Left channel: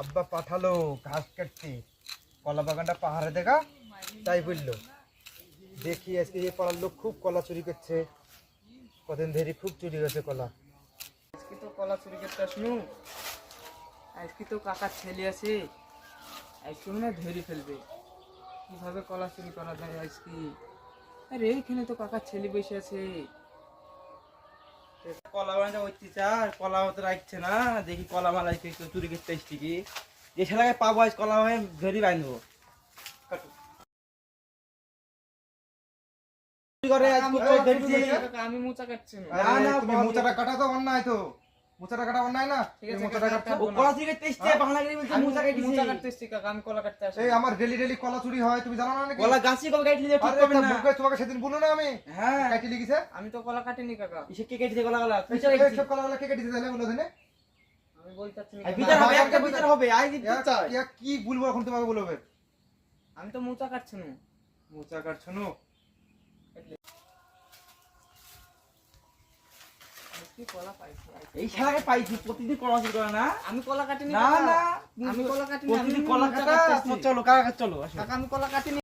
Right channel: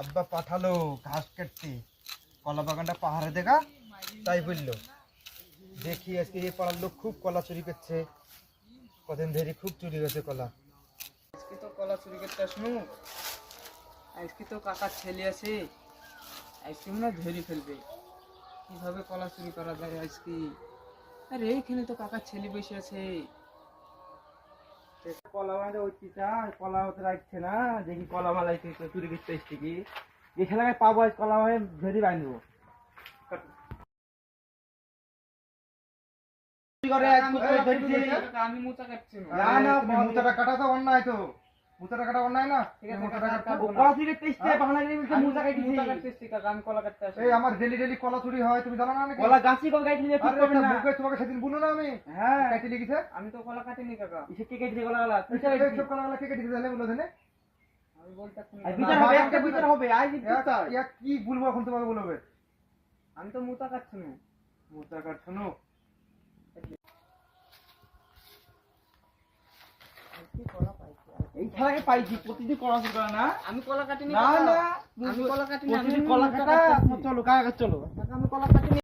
আব্বা পাঠালো ঘাস কাটতে, কলা বাগানটা পাহাড়ে দেখা, তাই বললো। দেখি আজকে এই পাড়ার লোক খুব কলা চুরি করছে, কদিন ধরে খুব চুরি হয়েছে কলা। আজকে তো কলা চুরি করতে আসনু, আজকে তো কাকার ছেলে আছে, আজকে মনে হয় ধরে ফেলবে। কিভাবে কলা চুরি করা যায় আজকে? আরে এইখানে তো কাকার ছেলে বসে আছে। কলা বাগানটা উঠতে চার, কলা মতো রাখছে না, দেখি কলা মালাই চুরি করতে এসছি কি, যে ছেলেকে পাবো আজ কলা বাগান ধরে বাঁধবো। আমি মোচা কাটছি না। না না, তুমি মোচাটা কাটা তো অন্যায়, তো মোচাটা কাটা অন্যায় না। ঠিক আছে, মোচাটা কাকা, কাটছো, কাটবো না। কলা চুরি করতে এসছে, বাংলা করে বলছে মোচা কাটিছি। মোচা কাটতে এসছি কাকা, আমি কলা কাটতে আসি। এই আমার ডেলি ডেলি কলা চুরি হয়, তুমি জানো না নাকি? কলা গাছই কবে কাটলি যে ঠিক আরে করবে না? মুখে তোমাকে সেদিন বললো না আমি, হ্যাঁ, কাটি লিখেছে। আমি তো কলা কাটিনি কাকা। ইসে কে কেটেছে কলা গলা? তুই এই সব কলাগুলো কে কেটেছে তাহলে বলো দেনে? আমি বলতে চাচ্ছি না এই কাকা। বিচার হবে, একটা বাবা, বিচার হবে, আই দিতে চাই। কি বলবো এখন তোমাকে বলবে? আমি তো মোচা কাটছি না। মোচা কাটছো না? আজকে কলা পাইছি। এই শালাকে পাইছি, প্রতিদিন কলা চুরি করে না? আমি কলা কাটিনি না কাকা। না, আমি কলা কাটিনি, আমি প্রতিদিন কলা মোচা কাটা। কাটতে এসছি। চলো কাকা চলো। কাকা আমি কলা কাটিনি।